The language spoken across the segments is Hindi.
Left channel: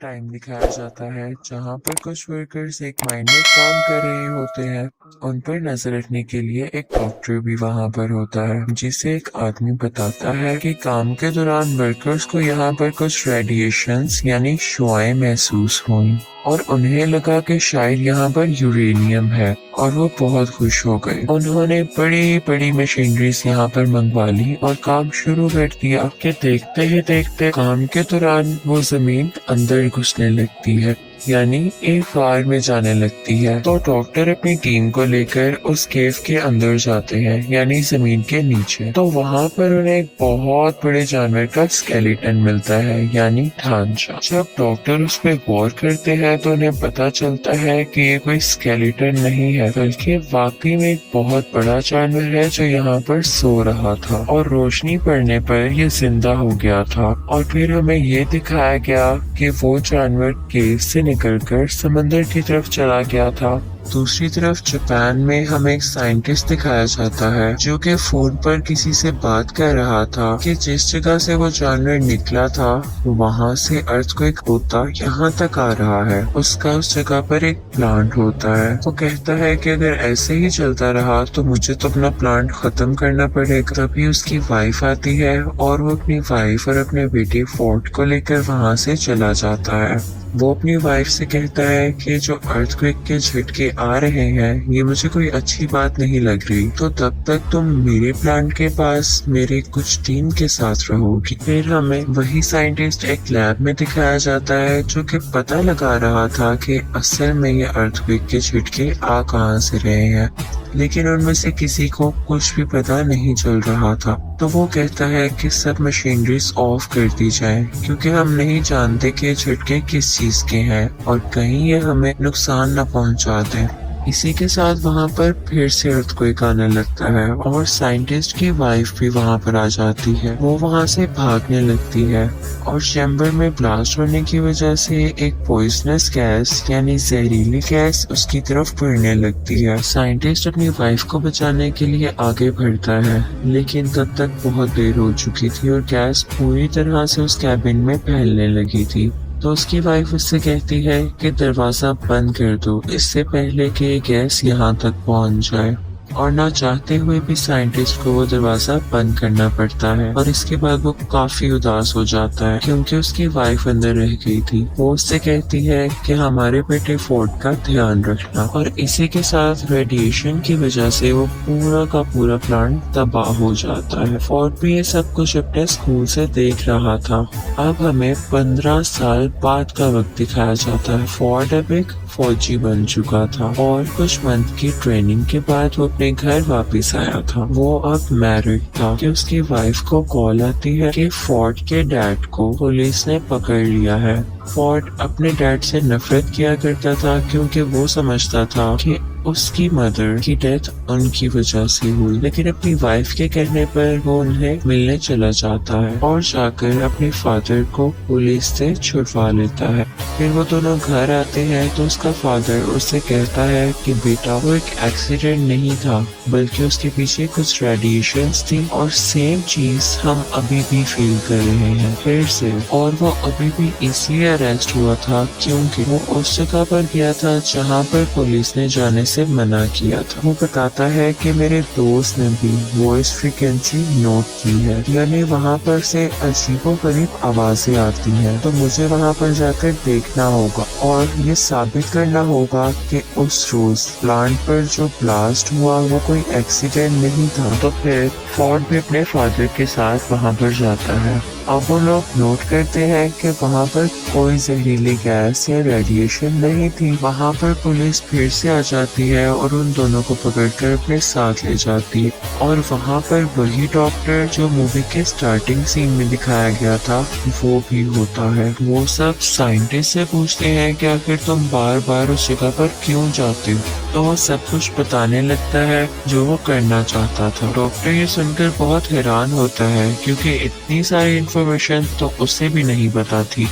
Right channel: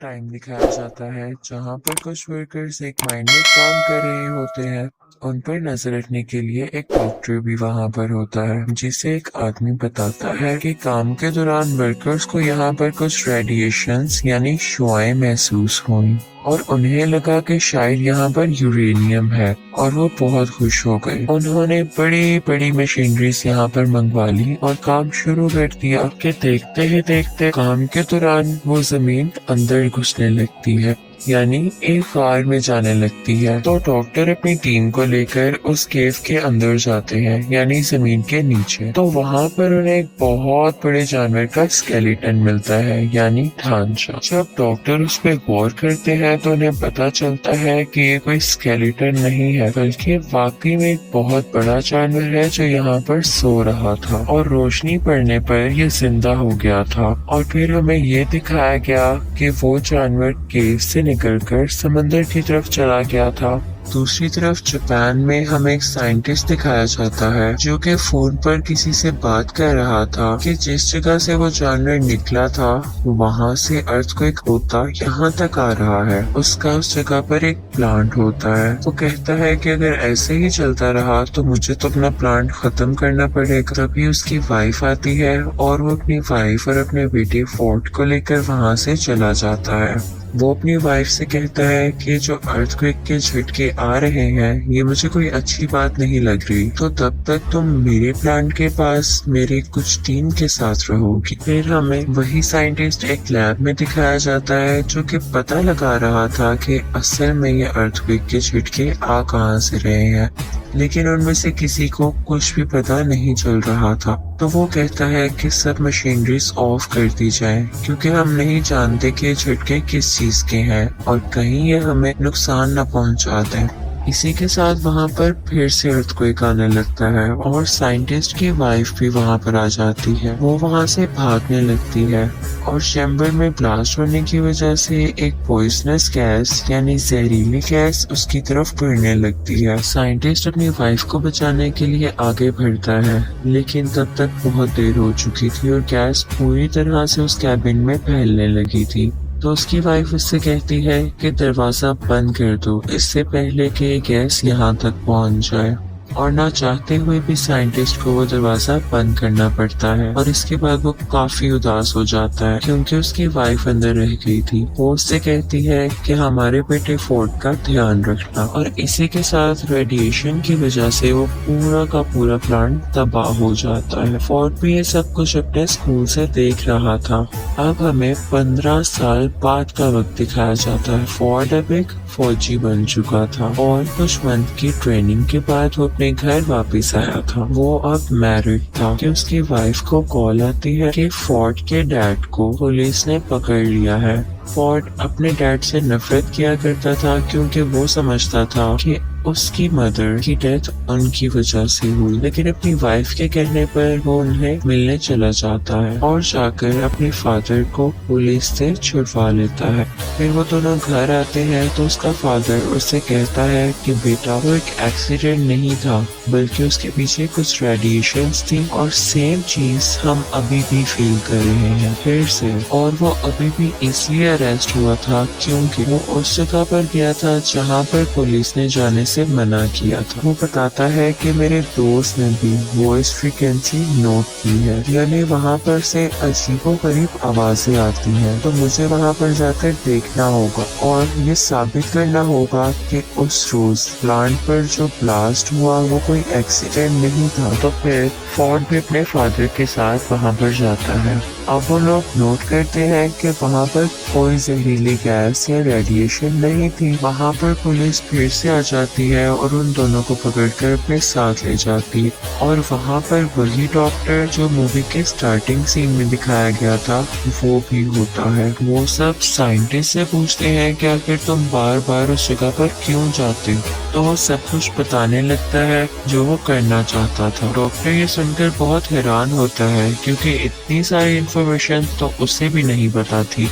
टाइम दिखाया जाता है जहाँ पर कुछ वर्कर्स एक माइन में काम कर रहे होते हैं। उन पर नजर रखने के लिए एक डॉक्टर भी वहाँ पर होता है, जिसे एक आदमी बताता है कि काम के दौरान वर्कर्स को यहाँ पर कुछ रेडिएशंस यानी शुआएं महसूस हुई और उन्हें लगा कि शायद यहाँ पर यूरेनियम है और वो बहुत खुश हो गए। उन्होंने बड़ी बड़ी मशीनरीज यहाँ पर मंगवा ली और काम शुरू कर दिया कि देखते ही देखते काम के दौरान वो जमीन अंदर घुसने लगती है, यानी एक फायर में जाने लगती है। तो डॉक्टर अपनी टीम को लेकर उस केव के अंदर जाते हैं, यानी जमीन के नीचे। तो वहाँ पर उन्हें एक बहुत बड़े जानवर का स्केलेटन मिलता है, यानी ढांचा। जब डॉक्टर उस पर गौर करते हैं तो उन्हें पता चलता है कि ये कोई स्केलेटन नहीं है, बल्कि वाकई में एक बहुत बड़ा जानवर है जो यहाँ पर सो रहा था और रोशनी पड़ने पर ये जिंदा हो गया था। और फिर हमें ये दिखाया गया कि वो जानवर केव से निकलकर समंदर की तरफ चला गया था। दूसरी तरफ जापान में हमें एक साइंटिस्ट दिखाया जाता है जो कि फोन पर किसी से बात कर रहा था कि जिस जगह से वो जानवर निकला था वहाँ से अर्थक्वेक होता यहाँ तक आ रहा है। उसका उस जगह पर एक प्लांट होता है। तो कहता है कि अगर ऐसे ही चलता रहा तो मुझे तो अपना प्लांट खत्म करना पड़ेगा। तभी उसकी वाइफ आती है और वो अपनी वाइफ और अपने बेटी फोर्ट को लेकर वहाँ से चला जाता है। वो अपनी वाइफ से कहता है कि जो अर्थक्वेक के झटके आ रहे हैं ये मुझे कोई अच्छी बात नहीं लग रही, तो तब तक तुम मेरे प्लांट के पास मेरे कुछ टीम के साथ रहोगी। फिर हमें वही साइंटिस्ट एक लैब में दिखाया जाता है जो कि पता लगा रहा था कि असल में ये अर्थक्वेक के झटके आ कहाँ से रहे हैं, लेकिन उनमें से किसी को कुछ भी पता नहीं चल रहा था। तो वो कहता है कि सब मशीनरीज ऑफ कर दी जाए क्योंकि हम नहीं जानते कि झटके किस चीज के हैं और कहीं ये हमें नुकसान न पहुंचा दें। इसी के साथ वहाँ पर फिर से अर्थक्वेक आने लगता है और साइंटिस्ट की वाइफ भी वहाँ पर आ जाती है। वो वहाँ से भागने लगती है और चैम्बर में ब्लास्ट होने की वजह से एक पॉइजनस गैस यानी जहरीली गैस उसकी तरफ बढ़ने लगती है। साइंटिस्ट अपनी वाइफ को बचाने के लिए आगे बढ़ता है, लेकिन तब तक बहुत देर हो चुकी थी और गैस पूरी तरह से उस कैबिन में फैलने लगी थी। तो उसकी वाइफ उससे कहती है कि दरवाजा बंद कर दो इससे पहले कि गैस यहाँ तक पहुँच जाए। और ना चाहते हुए भी साइंटिस्ट को वो दरवाजा बंद करना पड़ता है और इसके बाद वो काफी उदास हो जाता है क्योंकि उसकी वाइफ अंदर रह गई थी। वो उससे कहती है कि हमारे बेटे फोर्ट का ध्यान रखना, और इसी के साथ रेडिएशन की वजह से वो पूरा का पूरा प्लांट तबाह हो जाता है। फोर्ट भी ये सब कुछ अपने स्कूल से देख रहा था। अब हमें 15 साल बाद का वक्त दिखाया जाता है। फोर्ट अब एक फौजी बन चुका था और कुछ मंथ की ट्रेनिंग के बाद वो अपने घर वापस आया था। वो अब मैरिड था कि उसकी वाइफ को कॉल आती है कि फोर्ट के डैड को पुलिस ने पकड़ लिया है। फोर्ट अपने डैड से नफरत किया करता था क्योंकि वो समझता था कि उसकी मदर की डेथ उनकी वजह से हुई, लेकिन अपनी वाइफ के कहने पर वो उन्हें मिलने चला जाता है और जाकर अपने फादर को पुलिस से छुड़वा लेता है। फिर वो दोनों घर आते हैं तो उसका फादर उससे कहता है कि बेटा वो एक एक्सीडेंट नहीं था बल्कि उसके पीछे कुछ रेडिएशंस थी और सेम चीज हम अभी भी फील कर रहे हैं फिर से। और वो अभी भी इसलिए अरेस्ट हुआ था क्योंकि वो उस जगह पर गया था जहाँ पर पुलिस ने जाने से मना किया था। वो बताता है कि मेरे दोस्त ने भी वॉइस फ्रीक्वेंसी नोट की है, यानी वहाँ पर से अजीबोगरीब आवाजें आती हैं। तो मुझे वहाँ पर जाकर देखना होगा और ये साबित करना होगा कि उस रोज प्लांट पर जो ब्लास्ट हुआ वो कोई एक्सीडेंट नहीं था। तो फिर फोर्ट भी अपने फादर के साथ वहाँ पर जाता है। अब वो लोग नोट करते हैं कि वहाँ पर कोई जहरीली गैस या रेडिएशन नहीं थी। वहाँ पर पुलिस फिर से आ जाती है और उन दोनों को पकड़कर अपने साथ ले जाती है। और वहाँ पर वही डॉक्टर जो मूवी के स्टार्टिंग सीन में दिखाया गया था वो भी होता है। वो सब साइंटिस्ट से पूछते हैं कि आखिर तुम बार बार उस जगह पर क्यों जाते हो, तो वो सब कुछ बताने लगता है जो वो करना चाहता था। डॉक्टर ये सुनकर बहुत हैरान होता है क्योंकि इतनी सारी इन्फॉर्मेशन तो उसे भी नहीं पता थी।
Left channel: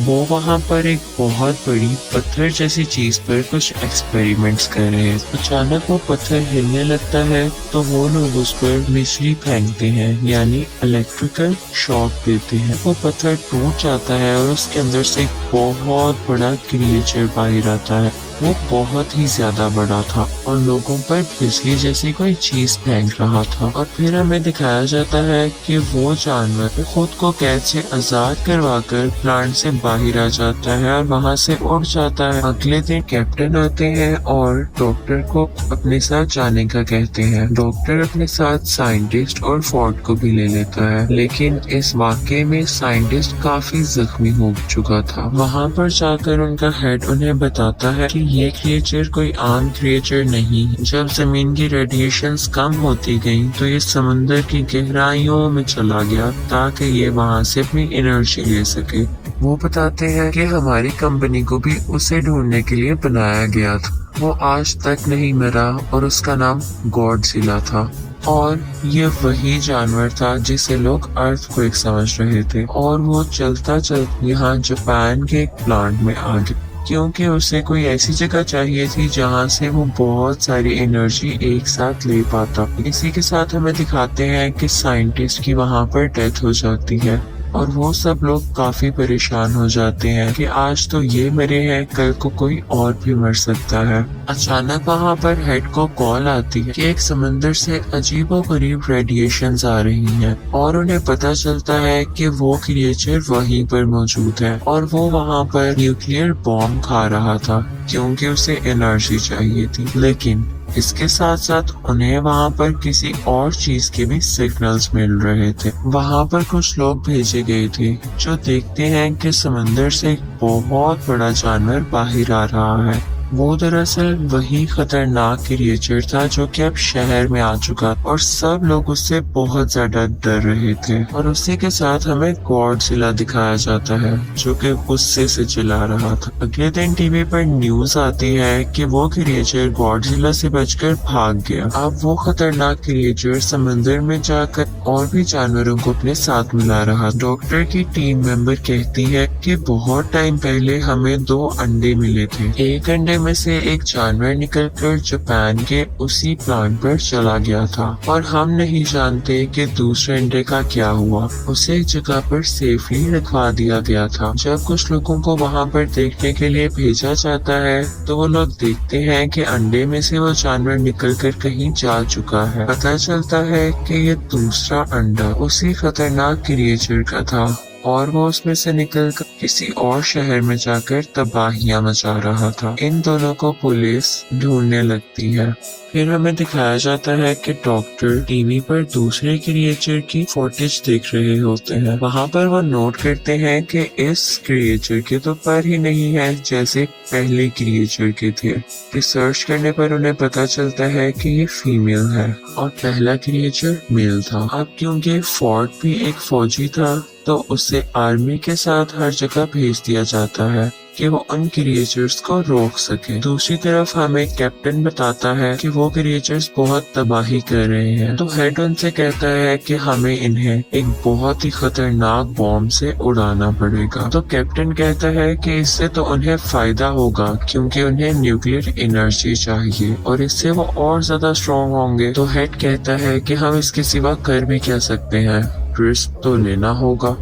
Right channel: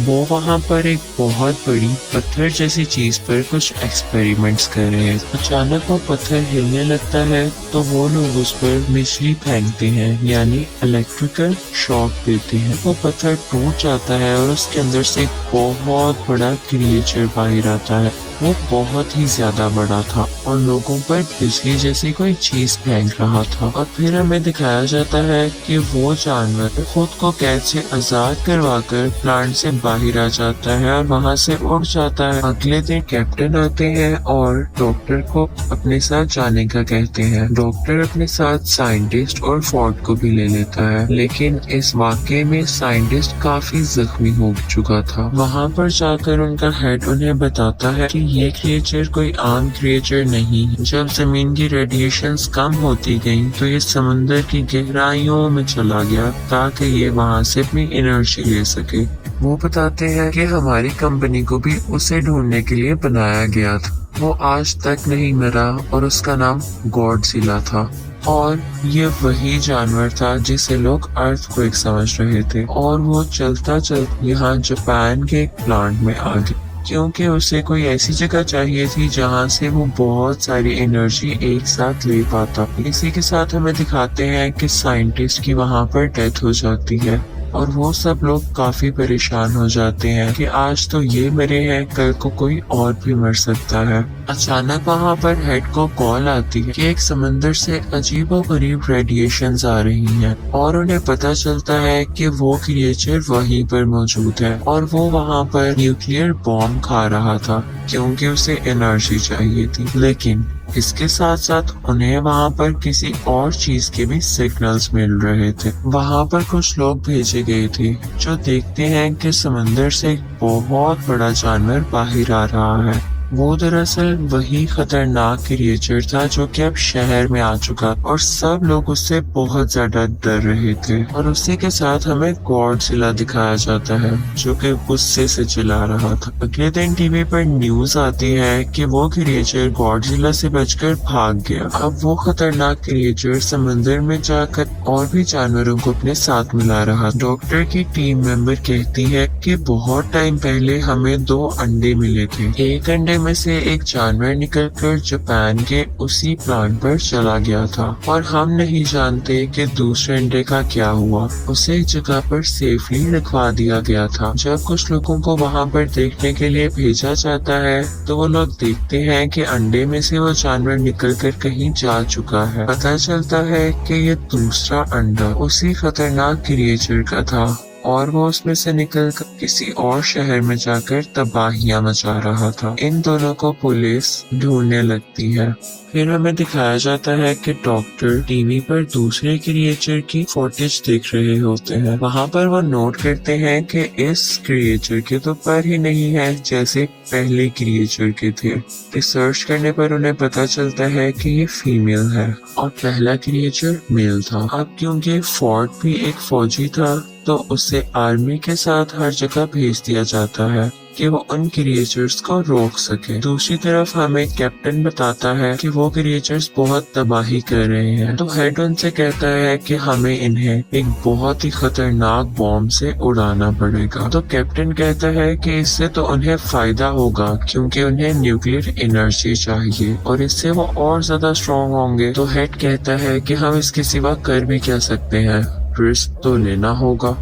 वो वहाँ पर एक बहुत बड़ी पत्थर जैसी चीज पर कुछ एक्सपेरिमेंट्स कर रहे हैं। अचानक वो पत्थर हिलने लगता है तो वो लोग उस पर बिजली फेंकते हैं, यानी इलेक्ट्रिकल शॉक देते हैं। वो पत्थर टूट जाता है और उसके अंदर से एक बहुत बड़ा क्रिएचर बाहर आता है। वो बहुत ही ज्यादा बड़ा था और लोगों पर बिजली जैसी कोई चीज फेंक रहा था। और फिर हमें दिखाया जाता है कि वो जानवर खुद को कैद से आजाद करवाकर प्लांट से बाहर आ जाता है और वहाँ से उड़ जाता है। अगले दिन कैप्टन आते हैं और डॉक्टर को अपने साथ जाने का कहते हैं। डॉक्टर अपने साथ साइंटिस्ट और फोर्ड को भी ले लेता है, लेकिन इस वाकये में साइंटिस्ट काफी जख्मी हो चुका था। वहाँ पर जाकर उनका हेड उन्हें बताता है कि ये क्रिएचर कोई आम क्रिएचर नहीं। जब जमीन की रेडिएशंस कम होती गई तो ये समुद्र की गहराइयों में चला गया ताकि ये वहाँ से अपनी एनर्जी ले सके। वो बताते हैं कि हमारी कंपनी को भी उसे ढूंढने के लिए बनाया गया था। वो आज तक नहीं मरा और उसका नाम गॉडजिला था। और ये वही जानवर था जिसे लोग अर्थक्वेक समझ रहे थे। और वो चलता चलता यहाँ जापान के एक प्लांट में आ गया, क्योंकि उसे कोई ऐसी जगह चाहिए थी जहाँ से वो बहुत सारी एनर्जी एक साथ ले पाता। इसी के साथ हमें दिखाते हैं कि साइंटिस्ट की वहाँ पर डेथ हो जाती है और वो सब लोग काफी परेशान हो जाते हैं कि आज तो ये मरे हैं, कल को कोई और भी मर सकता है। अचानक वहाँ पर हेड को कॉल आती है कि एक समंदर से अजीबोगरीब रेडिएशंस आ रही हैं और उन्हें पता चलता है कि वो क्रिएचर वहीं पर मौजूद है और वो वहाँ पर न्यूक्लियर बॉम्ब खा रहा था क्योंकि उसे एनर्जी चाहिए थी। लेकिन इसके साथ साथ उन्हें वहाँ पर किसी और चीज के भी सिग्नल्स मिल रहे थे। वहाँ पर कुछ लोग भेजे गए थे जो देखते हैं कि समंदर से एक बहुत बड़ा जानवर बाहर आ रहा है। वो दरअसल वही खतरनाक क्रिएचर था जो कि अब शहर में आ चुका और सब लोग उससे बहुत ज्यादा डर रहे थे। और उसी के साथ हमें गॉडजिला दिखाया जाता है जो कि गुस्से से चिल्ला रहा था। अगले दिन टीवी पर न्यूज आती है कि वो क्रिएचर गॉडजिला से बचकर भाग गया। अब वो खतरनाक क्रिएचर समंदर में जाकर और भी जानवरों को अपने साथ मिला रहा। डॉक्टर की टीम मेंबर कहती है कि बहुत टाइम पहले हमें 2 अंडे मिले थे। एक अंडे में से एक जानवर निकलकर जापान के उसी प्लांट पर चला गया था और हम नहीं जानते कि दूसरे अंडे का क्या हुआ। उसे एक जगह पर सेफली रखवा दिया गया था। जब कुछ लोगों को वहाँ पर देखने के लिए भेजा जाता है तो वो लोग देखते हैं कि अंडे में से वो जानवर निकलकर कहीं जा चुका है। पता चलता है कि ये दूसरा अंडा उसी खतरनाक क्रिएचर का था और वो उसमें से निकलकर किसी और शहर में जाकर तबाहियां मचा रहा था। इन दोनों को पुलिस ढूंढने लगती है। फिर हमें दिखाया जाता है कि डॉक्टर टीवी पर दूसरे क्रिएचर की फुटेज देख रहे होते हैं। वहाँ पर वो नोट करते हैं कि इस क्रिएचर के तो पैर ही नहीं है जैसे पहले क्रिएचर के थे। रिसर्च करने पर उन्हें पता चलता है कि ये फीमेल है और पहला क्रिएचर मेल था। अब क्योंकि फोर्ड भी एक फौजी था तो उसे आर्मी के साथ हर जगह भेज दिया जाता है कि वो उन क्रिएचर्स को रोक सके। दूसरी तरफ हमें कैप्टन बताता है कि वो क्रिएचर्स बहुत तबाही कर रहे हैं। तो हेड उनसे कहता है कि हमें इन्हें एक बहुत ही खतरनाक बॉम्ब से उड़ाना पड़ेगा। तो कैप्टन कहता है कि इससे तो उन्हें फायदा होगा क्योंकि उन्हें न्यूक्लियर एनर्जी चाहिए और इससे वो और ज्यादा स्ट्रॉन्ग होंगे। तो हेड कहता है कि हम इसके सिवा कर भी क्या सकते हैं, रिस्क तो लेना होगा।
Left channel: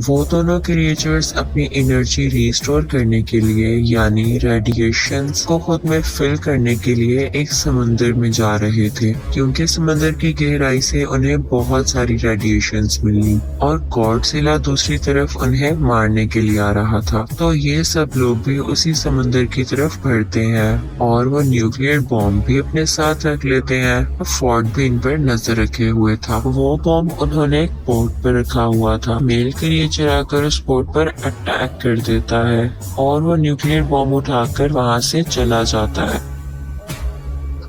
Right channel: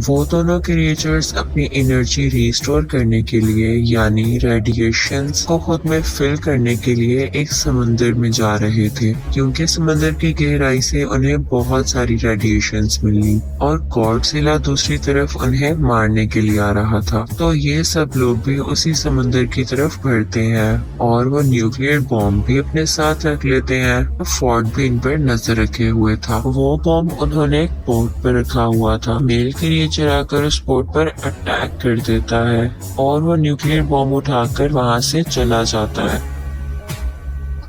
वो दोनों क्रिएचर्स अपनी एनर्जी रिस्टोर करने के लिए यानी रेडिएशंस को खुद में फिल करने के लिए एक समंदर में जा रहे थे क्योंकि समंदर की गहराई से उन्हें बहुत सारी रेडिएशंस मिली और गॉडजिला दूसरी तरफ उन्हें मारने के लिए आ रहा था। तो ये सब लोग भी उसी समंदर की तरफ बढ़ते हैं और वो न्यूक्लियर बॉम्ब भी अपने साथ रख लेते हैं। फोर्ड भी इन पर नजर रखे हुए था। वो बॉम्ब उन्होंने एक बोट पर रखा हुआ था। मेल क्रिएचर आकर उस बोट पर अटैक कर देता है और वो न्यूक्लियर बॉम्ब उठाकर वहां से चला जाता है।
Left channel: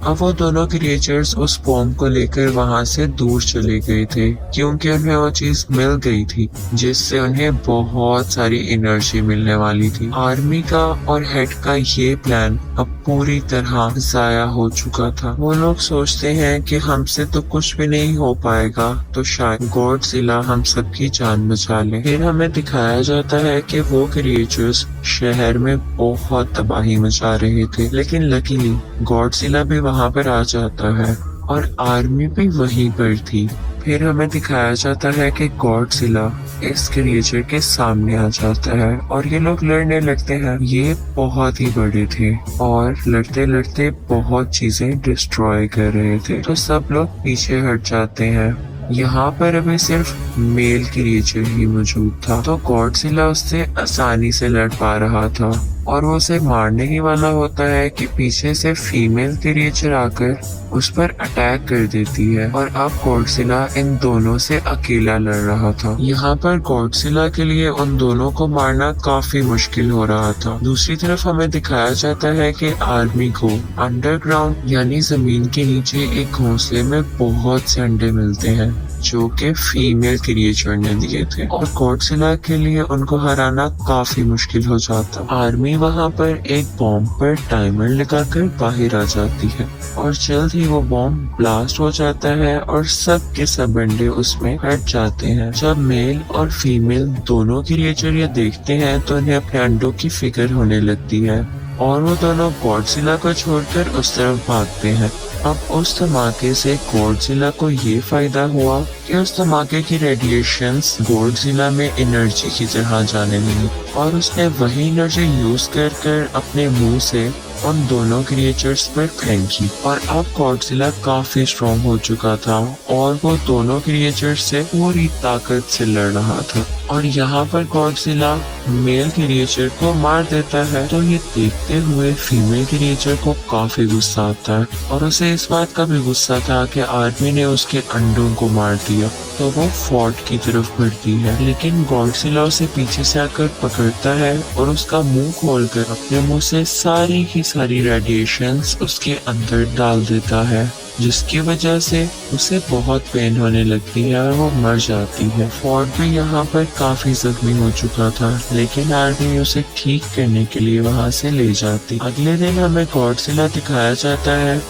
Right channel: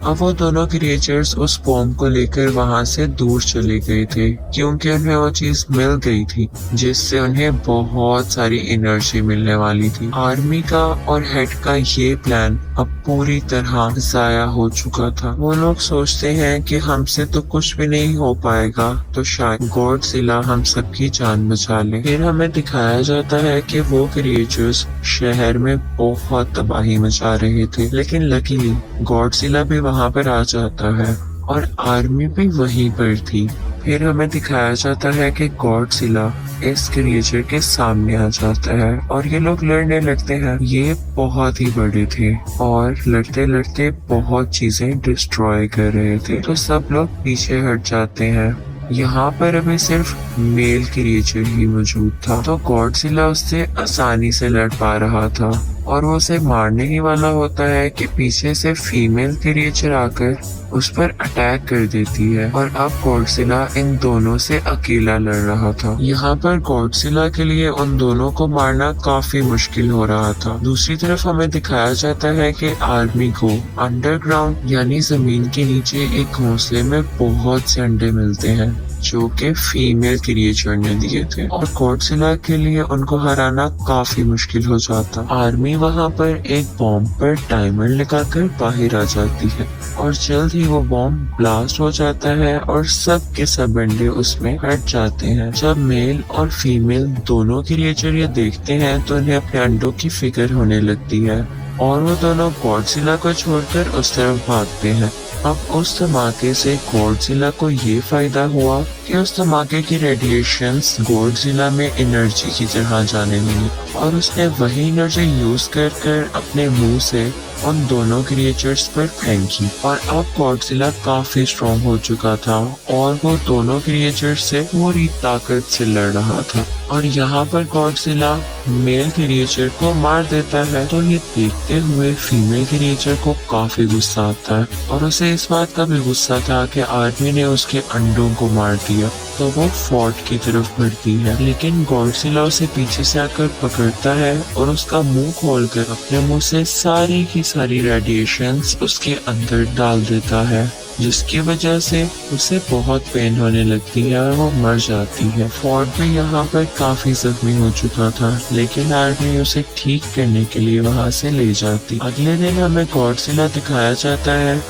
अब वो दोनों क्रिएचर्स उस बॉम्ब को लेकर वहां से दूर चले गए थे क्योंकि उन्हें वो चीज मिल गई थी जिससे उन्हें बहुत सारी एनर्जी मिलने वाली थी। आर्मी का और हेड का ये प्लान अब पूरी तरह जाया हो चुका था। वो लोग सोचते हैं कि हमसे तो कुछ भी नहीं हो पाएगा, तो शायद गॉडजिला हम सबकी जान बचा ले। फिर हमें दिखाया जाता है कि वो क्रिएचर्स शहर में बहुत तबाही मचा रहे थे, लेकिन लकीली गॉडजिला भी वहां पर आ जाता है और आर्मी भी वहीं पर थी। फिर हमें दिखाया जाता है कि गॉडजिला इस क्रिएचर के सामने आ जाता है और ये लोग लड़ने लगते हैं। ये बहुत ही बड़े थे और लड़ते लड़ते बहुत चीजें डिस्ट्रॉय कर रहे थे, तो सब लोग पीछे हट जाते हैं। यहाँ पर अभी सिर्फ मेल क्रिएचर ही मौजूद था, तो गॉडजिला उससे आसानी से लड़ पा रहा था और वो उसे मारने ही वाला होता है कि पीछे से फीमेल क्रिएचर आकर उस पर अटैक कर देती है और अब गॉडजिला इन दोनों से अकेला लड़ रहा था। यहाँ पर गॉडजिला के लिए उन दोनों को मारना काफी मुश्किल हो रहा था। दूसरी तरफ हमें दिखाया जाता है कि आर्मी को अंडरग्राउंड यानी जमीन के नीचे एक घोंसले में बहुत से अंडे मिलते हैं जो कि फीमेल क्रिएचर ने दिए थे और गॉडजिला के लिए उनको हराना काफी मुश्किल हो जाता। आर्मी वहाँ पर एक बॉम्ब पर टाइमर लगाकर बाहर आ जाती है और जल्द ही वो बॉम्ब ब्लास्ट हो जाता है और सब के सब अंडे उसमें हट जाते हैं। जब मेल और फीमेल दोनों क्रिएचर ये देखते हैं तो उन्हें अपने अंडों की फिक्र होने लगती है और वो दोनों गॉडजिला को छोड़कर उस तरफ भागते हैं। अब उस धमाके से गॉडजिला को ये फायदा हुआ कि उस धमाके की रेडिएशंस गॉडजिला में एनर्जी की तरह जाने लगी और उसने वही एनर्जी यूज कर अपने मुंह से उन दोनों क्रिएचर्स पर फेंकी और अब गॉडजिला काफी स्ट्रॉन्ग हो चुका था और वो दोनों क्रिएचर्स से पूरी ताकत से लड़ रहा था। और यहाँ पर गॉडजिला मेल क्रिएचर को मार देता है, तो ये देखते हुए फीमेल क्रिएचर को काफी गुस्सा आता है और उसे इस बात का भी गुस्सा था कि आदमी ने उसके अंडों को मार दिया, तो वो फोर्ट की तरफ बढ़ती है। लेकिन गॉडजिला उसे पीछे से आकर पकड़ता है और उसका मुंह खोलकर अपने मुंह से सारी की सारी रेडिएशंस उसके अंदर डाल देता है, जिसकी वजह से उसे बहुत पेन होने लगती है और वो मर जाती है। फोर्ट भी यहाँ पर काफी जख्मी हो चुका था, लेकिन आर्मी उसे ठीक करने के लिए वहाँ से ले जाती। अगले दिन हमें गॉडजिला दिखाया जाता है।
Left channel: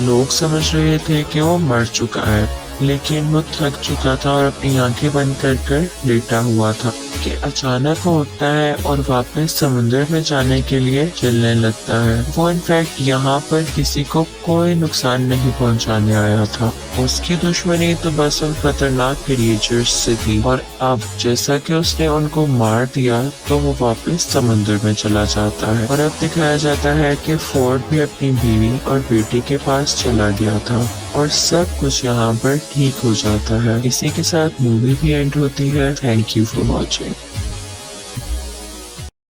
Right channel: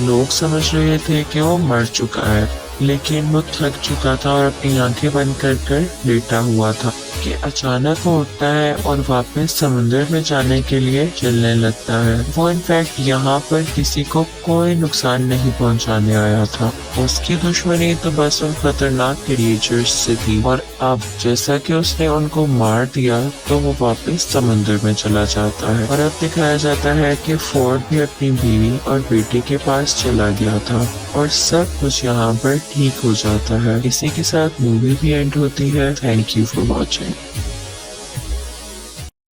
लोग समझ रहे थे कि वो मर चुका है, लेकिन वो थक चुका था और अपनी आंखें बंद कर लेटा हुआ था कि अचानक वो उठता है और वापस समुद्र में जाने के लिए चलने लगता है। वो इनफैक्ट यहाँ पर किसी को कोई नुकसान नहीं पहुँचाने आया था। उसकी दुश्मनी तो बस उन खतरनाक क्रिएचर्स से थी और अब जैसा कि उसने उनको मार दिया तो वो वापस समुद्र में चला जाता है। और अब दिखाया जाता है कि फोर्ट भी अपनी बीवी और बेटी के पास चला गया था और सब कुछ यहाँ पर ठीक हो जाता है। इसी के साथ मूवी भी एंड होती है। Thank you for watching.